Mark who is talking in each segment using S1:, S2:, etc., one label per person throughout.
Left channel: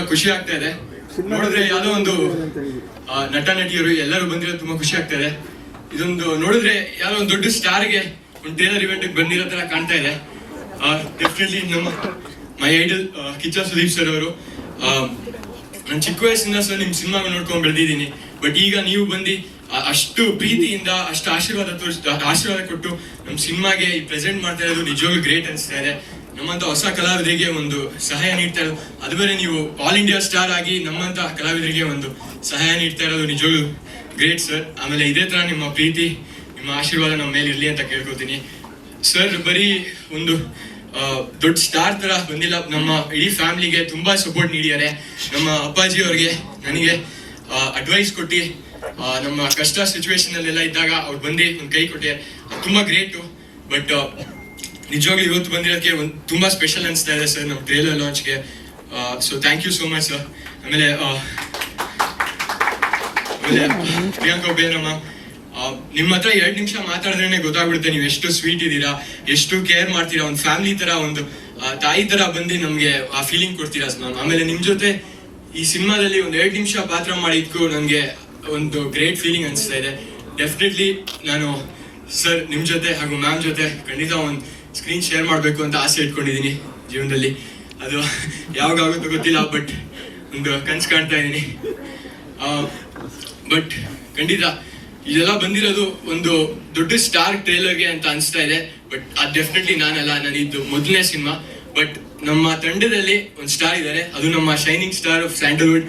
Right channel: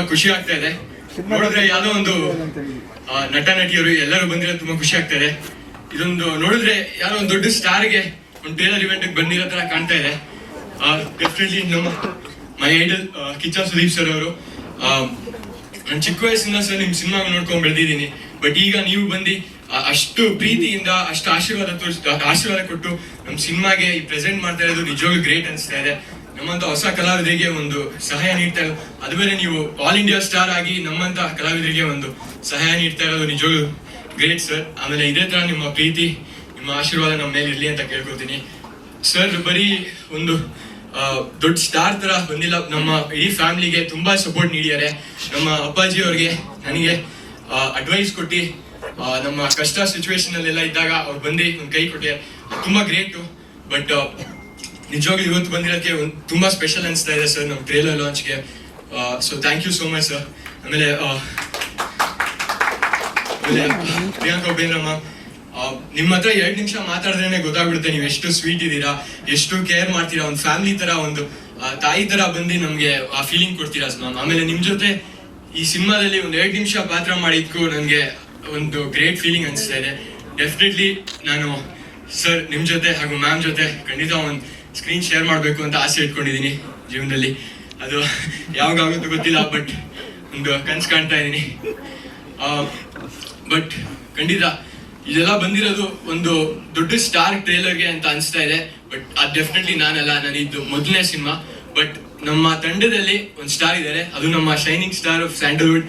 S1: ತುಂಬಾ ಖುಷಿ ಆಗ್ತಾ ಇದೆ. ನೋಡಿದ್ರೆ ಯಾವುದೋ ಒಂದು ನಟ ನಟಿಯರು ಎಲ್ಲರೂ ಬಂದಿರೋ ತುಂಬಾ ಖುಷಿ ಆಗ್ತಾ ಇದೆ ಇದೊಂದು ನೋಡಿದ್ರೆ ಯಾವ್ದೋ ಒಂದು ದೊಡ್ಡ ಸ್ಟಾರ್ಗೆ ಒಂದು ಟೇಲರ್ ಇವೆಂಟ್ ಬಂದಿರೋ ತರ ಕಾಣ್ತಾ ಇದೆ. ಡೆಫಿನೆಟ್ಲಿ ನಮ್ಮ my idol Kichcha Sudeep sir ಅವರು ನಾನು ಚಿಕ್ಕ ವಯಸ್ಸಿಂದ ಸರ್ ನಿಮ್ ಸಿನಿಮಾ ನೋಡ್ಕೊಂಡ್ ಬೆಳೆದಿದ್ದೀನಿ. ಬಟ್ ಈಗ ನೀವು ಬಂದು ಅಷ್ಟು ಪ್ರೀತಿಯಿಂದ ಅಷ್ಟು ಆಶೀರ್ವಾದ ತೋರಿಸ್ ಆಶೀರ್ವಾದ ಕೊಟ್ಟು ನಮ್ಮ ಸಿನಿಮಾಗೆ ಈ ಪ್ರೆಸೆಂಟ್ ಮಾಡ್ತಾ ಇರೋದು ನಿಜವಾಗ್ಲೂ ಗ್ರೇಟ್ ಅನಿಸ್ತಾ ಇದೆ. ನಮ್ಮಂತ ಹೊಸ ಕಲಾವಿದರಿಗೆ ಒಂದು ಸಹಾಯ ನೀಡ್ತಾ ಇರೋದು. ಅದು ಬೇರೆ ನೀವು ಆಲ್ ಇಂಡಿಯಾ ಸ್ಟಾರ್ ಆಗಿ ನಮ್ಮಂತ ಕಲಾವಿದರಿಗೆ ಒಂದು ಸಹಾಯ ನೀಡ್ತಾ ಇರೋದು ನಿಜವಾಗ್ಲೂ ಗ್ರೇಟ್ ಸರ್ ಆಮೇಲೆ ಇದೇ ತರ ನಿಮ್ಮ ಪ್ರೀತಿ, ನಿಮ್ಮ ಆಶೀರ್ವಾದ ನಮ್ಮ ಮೇಲೆ ಇರ್ಲಿ ಅಂತ ಕೇಳ್ಕೊತೀನಿ. ಸರ್ ಬರೀ ಒಂದು ದೊಡ್ಡ ಸ್ಟಾರ್ ತರ ಬಂದಿಲ್ಲ. ನಮ್ಮ ಇಡೀ ಫ್ಯಾಮಿಲಿಗೆ ತುಂಬಾ ಸಪೋರ್ಟ್ ನೀಡಿದ್ದಾರೆ. ನಮ್ಮ ಅಪ್ಪಾಜಿ ಅವ್ರಿಗೆ ನನಗೆ ಅಡ್ವೈಸ್ ಕೊಟ್ಟು ನಮ್ಮ ಕಷ್ಟ ಸಿಚುವೇಶನ್ ಅಲ್ಲೆಲ್ಲ ಇದ್ದಾಗ ಅವ್ರು ಬಂದು ಒಂದು ಕೈ ಕೊಟ್ಟೆ. ತುಂಬಾ ಗ್ರೇಟು ಬಟ್ ನಿಜವಾಗ್ಲೂ ಇವತ್ತು ಬಂದಿರೋದಕ್ಕೆ ಒಂದು ತುಂಬಾ ಸ್ಪೆಷಲ್ ಅನಿಸ್ತಾ ಇದೆ ಸರ್ ನಮ್ಮ trailer ಲಾಂಚ್ಗೆ so thank you so much sir ಆಮೇಲೆ ಆಮೇಲೆ ಪ್ರಿಯಾಂಕಾ ನಿಮ್ಮ ಹತ್ರ ಎರಡು ನಿಮಿಷ ಮಾತಾಡಿದ್ರೇನೆ ಗೊತ್ತಾಗ್ಬಿಡುತ್ತೆ ನೀವು ಎಷ್ಟು ಸ್ವೀಟ್ ಇದ್ದೀರಾ, ಎಷ್ಟು ಕೇರ್ ಮಾಡ್ತೀರಾ, ಒಂದು ಫ್ಯಾಮಿಲಿ ತರ, ಒಂದು ತಾಯಿ ತರ ಬಂದು ನಮ್ಗೆ ಆ ಫೀಲಿಂಗ್ ಕೊಡ್ತೀರಾ ಮ್ಯಾಮ್ ಆಮೇಲೆ ನಿಮ್ ಜೊತೆ ಈ ಸಿನಿಮಾದಲ್ಲಿ ಒಂದು ಎರಡು ನಿಮಿಷ ಪಾತ್ರ ಮಾಡಿದ್ಕು ನನಗೆ ಒಂದು ಗ್ರೇಟ್ ಫೀಲಿಂಗ್ ಅನಿಸ್ತಾ ಇದೆ. ಡೆಫಿನೆಟ್ಲಿ ನಾನು ಸರ್ ನಿಮ್ ಜೊತೆ ಹಾಗೂ ಮ್ಯಾಮ್ ಜೊತೆ ಖಂಡಿತ ಒಂದು ಸ್ಕ್ರೀನ್ ಶೇರ್ ಮಾಡಬೇಕು ಅಂತ ಆಸೆ ಇಟ್ಕೊಂಡಿದ್ದೀನಿ ಜೀವನದಲ್ಲಿ. ಅದು ಯಾವಾಗ ಆಗುತ್ತೋ ಗೊತ್ತಿಲ್ಲ ಬಟ್ ಒಂದು ಕನ್ಸು ಕಾಣ್ತಾ ಇದ್ದೀನಿ ಬಟ್ ಖಂಡಿತ ಇದೆಲ್ಲ ಬಂದಿರೋದು ಒಂದು ದೊಡ್ಡ ಸ್ಟಾರ್ ಟ್ರೇಲರ್ಗೆ ಅಂತ ಅನಿಸ್ತಾ ಇದೆ. ಬಟ್ ಅದು ಡೆಫಿನೆಟ್ಲಿ ನಾನಲ್ಲ ನಾನು ಇದು ಮೊದಲನೇ ಸಿನಿಮಾ ಬಟ್ ನಮ್ಮ ತಂಡದಲ್ಲಿ ಒಂದು ಸ್ಟಾರ್ ಇದ್ದಾರೆ ಅದು ನಮ್ಮ ಶೈನಿಂಗ್ ಸ್ಟಾರ್ ಆಫ್ ಸ್ಯಾಂಡಲ್ವುಡ್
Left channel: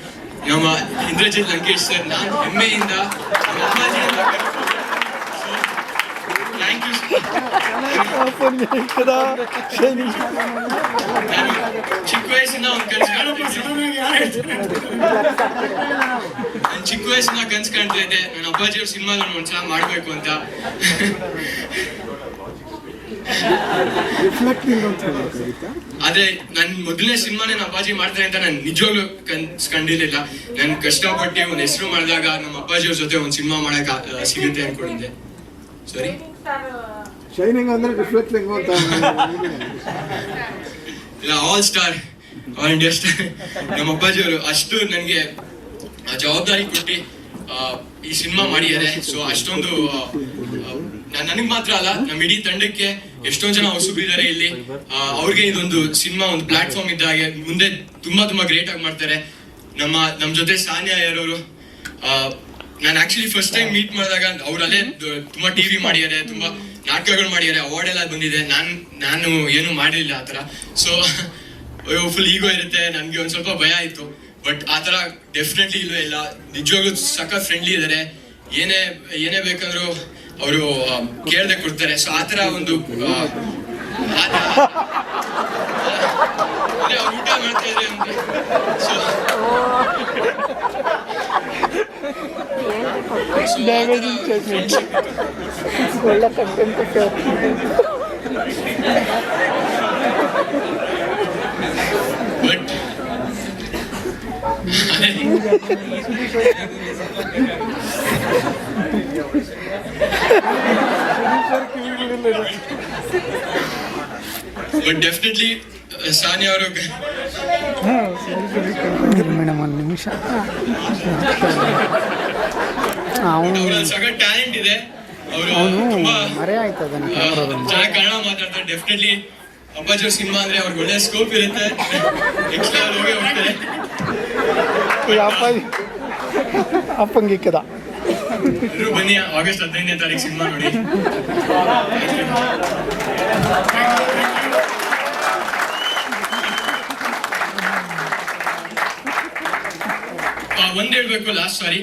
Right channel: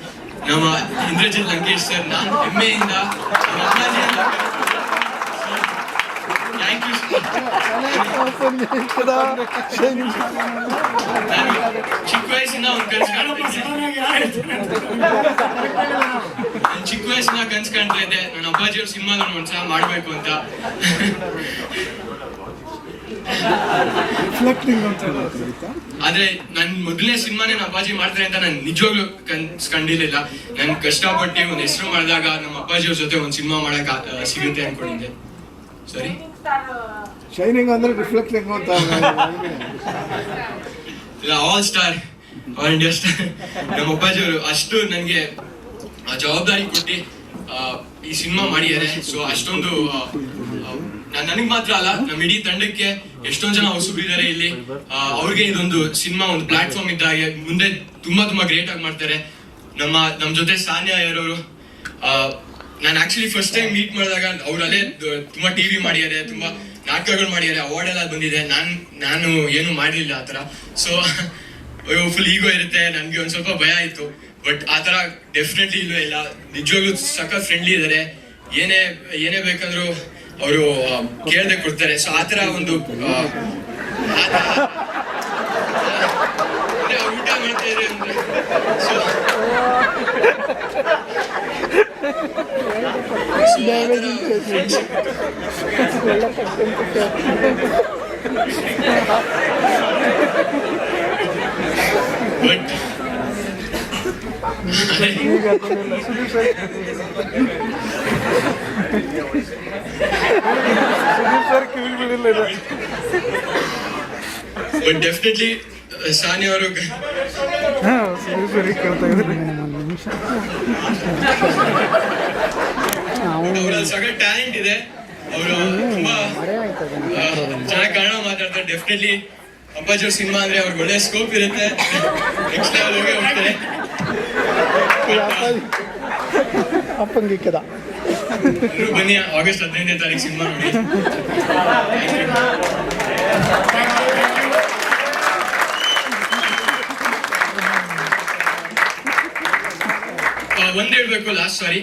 S1: ನಮ್ಮ ಇಂದ್ರಜಿತ್ ಲಂಕೇಶ್ ಸರ್ ನಾನು ಹೆಮ್ಮೆಯಿಂದ ಚಿಕ್ಕ ವಯಸ್ಸಿನ ಚಿಕ್ಕ ವಯಸ್ಸಿನ ಕನ್ಸ್ ಕಾಣ್ತಾ ಇದ್ದೆ ನನ್ನ ಅಪ್ಪಾಜಿ ಅವ್ರ ನಾನು ಒಂದ್ಸಲ ಮಾಡ್ಬೇಕು ಅಂತ ಆದ್ರೆ ನನ್ ಮೊದಲನೇ ಸಿನಿಮಾನೇ ನಮ್ಮ ಅಪ್ಪಾಜಿ ಮಾಡ್ತಾರೆ ಅಂತ ನಾನು ನಿಜವಾಗ್ಲೂ ಕನ್ಸ್ ಕಂಡಿರ್ಲಿಲ್ಲ. ನಾನು ಕಷ್ಟಪಟ್ಟು ಒಂದು ಹೆಸರು ಮಾಡಿದಾಗ ನಮ್ಮ ಅಪ್ಪಾಜಿಯವ್ರ ಜೊತೆ ಒಂದು ಸಿನಿಮಾ ಮಾಡಕ್ ಸಿಗುತ್ತೆ ಅನ್ಕೊಂಡಿದ್ದೆ. ಸರಿ?
S2: ಶೈನಿಂಗ್ ಅಂದ್ರೆ ರಿಫ್ಲೆಕ್ಟಿಂಗ್ ಅಂತ
S1: all star all India star ನಮ್ಮ ಅಪ್ಪಾಜಿಯವರು ಅಷ್ಟು ನನಗೆ ಜವಾಬ್ದಾರಿ ಕೊಟ್ಟು ಈ ಸಿನಿಮಾ ಮಾಡಿದ್ದಾರೆ. ಸೊ ಅಷ್ಟೊಂದು ನನಗೆ ಮಾತ್ರ ಅಲ್ಲ ನಮ್ಮ ಇಡೀ ತಂಡಕ್ಕೆ ಎಷ್ಟೊಂದ್ ಜನ ಹೊಸಬಿದ್ದಾರೆ ಇಲ್ಲಿ. ಅವ್ರಿಗೆ ಇದೊಂದು ಸಿನಿಮಾ ಒಂದು ಪ್ಲಾಟ್ಫಾರ್ಮ್ ಇದ್ದಾಗೆ ಮುಂದೆ ತುಂಬಾ ತುಂಬಾ ಗ್ರೇಟ್ ಆಗಿ ಮಾಡ್ತಾರೆ. ನಮ್ಮ, ನಮ್ ಜೊತೆ ಸಾನ್ಯಾ ಯಾರವರು ನಾನು ಆಕ್ಚುಲಿ ಫಸ್ಟ್ ಟೈಮ್ ಮೀಟ್ ಮಾಡಿದಾಗ ಅವ್ರು ಅಲ್ಲೇ ದ- ತುಂಬಾ ಟಿವಿ ಮಾಡಿದ್ದಾರೆ, ತುಂಬಾ ನಾಟಕಗಳು ಮಾಡಿದ್ದಾರೆ ಅವಾರ್ಡ್ ಎಲ್ಲ ಬಂದಿದೆ. ನಾನ್ ನಾನು ಏನು ಆ ಆತರ ಸೊ ಅಯ್ಯೋ ಫುಲ್ ಈಗೋ ಇರುತ್ತೆ. ನನ್ಗೆ ಒಂದು ಸ್ವಲ್ಪ ಭಯ ಇತ್ತು ಬಟ್ ಆತರ ಡೆಫಿನೆಟ್ಲಿ ಇಲ್ವೇ ಇಲ್ಲ. ನಿಜವಾಗ್ಲೂ ಸಖತ್ ಫ್ರೆಂಡ್ಲಿ ಇದ್ದಾರೆ ಏನೇ ಏನೇ ಬೇಕಂದ್ರು ಅವರು ಕೇಳದೆ ಕೊಡ್ತಾರೆ. ಸೊ ಆತರ ಒಂದು ಆ, ಥರ. ಒಂದು ಊಟ ಮಾಡ್ತಾ ಇದ್ರೆ so but but definitely Sani ಅವರು
S3: ಮೇಡಮ್ ಒಂದು ನಿಮಿಷ ಅವನು
S1: ಸಖತ್ ಟ್ಯಾಲೆಂಟ್ ಇದೆ. ಚೆನ್ನಾಗಿ ಕನ್ನಡ ಮಾತಾಡ್ತಾರೆ ಡೆಫಿನೆಟ್ಲಿ ಅವ್ರ ಸಿನಿಮಾ ಅಂದ್ರೆ ಅವ್ರಿಗೆ ಒಳ್ಳೆ ಸ್ಕೋಪ್ ಇರುತ್ತೆ ನೆಕ್ಸ್ಟ್ ಲೆವೆಲ್ ಹೋಗಿ ಹೋಗ್ತಾರೆ
S3: ಅಪ್ಪ ಅಪ್ಪಂಗಿಕ್ಕದ
S1: ಎಲ್ರೂ ಬನ್ನಿ ಆಗಸ್ಟ್ ಹದಿನೈದನೇ ತಾರೀಕು ಸಿನಿಮಾ ನೋಡಿ ಒಂದ್ ಹೇಳ್ಬೇಕು ಲಾಸ್ಟ್ ಸಾರಿ